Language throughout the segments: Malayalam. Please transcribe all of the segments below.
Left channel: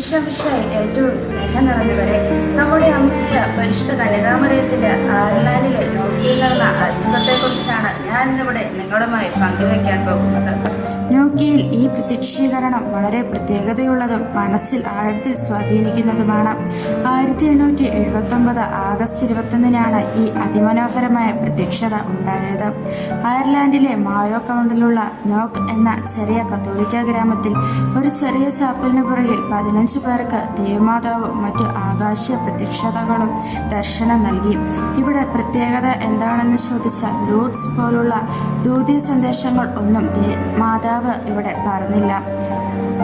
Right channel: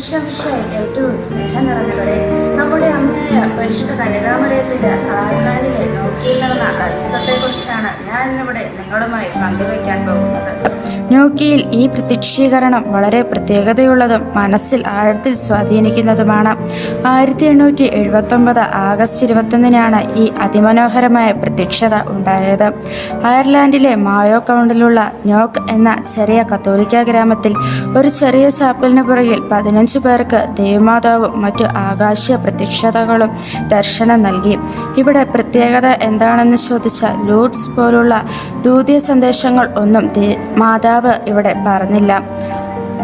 ഈശോമിശയിൽ ഏറ്റവും സ്നേഹം നിറഞ്ഞവരെ നമ്മുടെ അമ്മയായ പരിശുദ്ധ കനികാമരയത്തിന്റെ അയർലാൻഡിലെ നോക്കിയിൽ നടന്ന അത്ഭുതത്തെക്കുറിച്ചാണ് ഞാൻ ഇന്നിവിടെ നിങ്ങളുമായി പങ്കുവയ്ക്കാൻ പോകുന്നത്. നോക്കിയിൽ ഈ പ്രത്യക്ഷീകരണം വളരെ പ്രത്യേകതയുള്ളതും മനസ്സിൽ ആഴത്തിൽ സ്വാധീനിക്കുന്നതുമാണ്. ആയിരത്തി എണ്ണൂറ്റി എഴുപത്തൊമ്പത് ആഗസ്റ്റ് ഇരുപത്തൊന്നിനാണ് ഈ അതിമനോഹരമായ പ്രത്യക്ഷത ഉണ്ടായത്. അയർലാൻഡിലെ മായോ കൗണ്ടിലുള്ള നോക്ക് എന്ന ചെറിയ കത്തോലിക്ക ഗ്രാമത്തിൽ ഒരു ചെറിയ ചാപ്പലിന് പുറകിൽ പതിനഞ്ചു പേർക്ക് ദേവമാതാവും മറ്റ് ആകാശ പ്രത്യക്ഷതകളും ദർശനം നൽകി. ഇവിടെ പ്രത്യേകത എന്താണെന്ന് ചോദിച്ചാൽ ലൂഡ്സ് പോലുള്ള ദൂതിയ സന്ദേശങ്ങൾ ഒന്നും മാതാവ് ഇവിടെ പറഞ്ഞില്ല.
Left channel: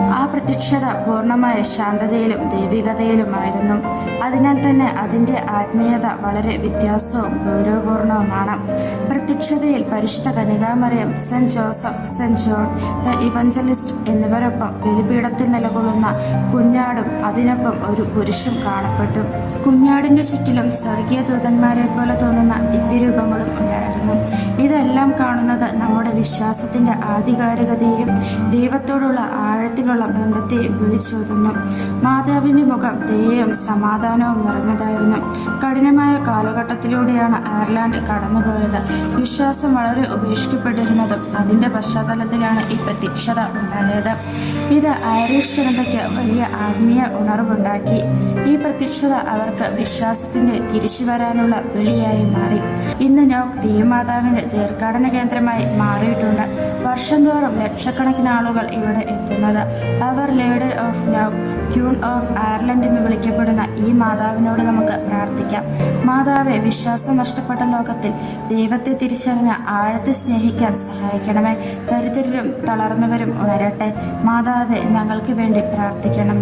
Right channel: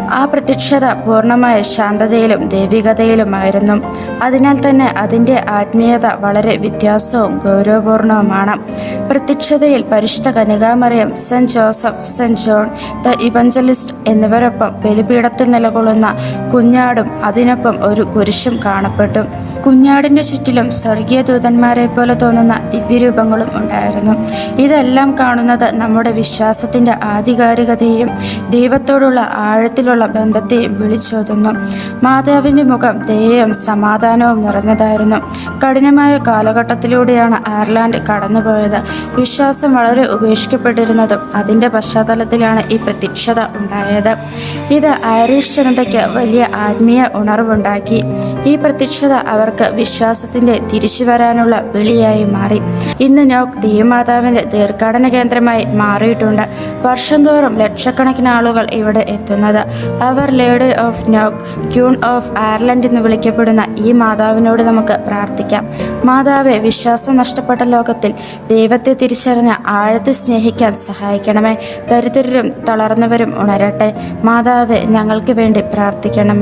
ആ പ്രത്യക്ഷത പൂർണമായ ശാന്തതയിലും ദൈവികതയിലുമായിരുന്നു. അതിനാൽ തന്നെ അതിന്റെ ആത്മീയത വളരെ വ്യത്യാസവും ഗൗരവപൂർണവുമാണ്. പ്രത്യക്ഷതയിൽ പരിശുദ്ധ കനികാമറിയം saint Joseph saint John the evangelist എന്നിവരൊപ്പം ബലിപീഠത്തിൽ നിലകൊള്ളുന്ന കുഞ്ഞാടും അതിനൊപ്പം ഒരു കുരിശും കാണപ്പെട്ടു. കുഞ്ഞാടിന്റെ ചുറ്റിലും സ്വർഗീയ ദൂതന്മാരെ പോലെ തോന്നുന്ന ദിവ്യരൂപങ്ങളും ഉണ്ടായിരുന്നു. ഇതെല്ലാം കാണുന്നത് നമ്മുടെ വിശ്വാസത്തിന്റെ ആധികാരികതയും ദൈവത്തോടുള്ള ആഴത്തിലുള്ള ബന്ധത്തെയും വിളിച്ചോതുന്നു. മാതാവിന്റെ മുഖം ദയയും സമാധാനവും നിറഞ്ഞതായിരുന്നു. കഠിനമായ കാലഘട്ടത്തിലൂടെയാണ് അയർലാൻഡ് കടന്നുപോയത്. വിശ്വാസം വളരെ ഉപേക്ഷിക്കപ്പെട്ടിരുന്നതും അതിന്റെ പശ്ചാത്തലത്തിലാണ് ഈ പ്രത്യക്ഷത ഉണ്ടായത്. ഇത് ഐറിഷ് ജനതയ്ക്ക് വലിയ ആത്മീയ ഉണർവുണ്ടാക്കി. ഈ പ്രത്യക്ഷത അവർക്ക് വിശ്വാസത്തിന്റെ തിരിച്ചു വരാനുള്ള വിളിയായി മാറി. ഇന്ന് നോക്ക് ദീമാതാവിന്റെ തീർത്ഥാടന കേന്ദ്രമായി മാറിയിട്ടുണ്ട്. വർഷം തോറും ലക്ഷക്കണക്കിന് ആളുകൾ ഇവിടെ എത്തുന്നത്. അവർ lady of Knock queen of Ireland എന്ന് വിളിക്കപ്പെടുന്ന ഈ മാതാവിനോട് നമുക്ക് പ്രാർത്ഥിക്കാം. മാതാവെ വിശ്വാസം നഷ്ടപ്പെട്ട ലോകത്തിൽ ദൈവത്തെ തിരിച്ചറിഞ്ഞ ആഴത്തെ സ്നേഹിക്കാൻ സഹായിക്കണമേ. ദരിദ്രരും തളർന്നവരും ഉണരട്ടെ. മാതാവെ ഞങ്ങൾക്ക് വേണ്ടി പ്രാർത്ഥിക്കണമേ.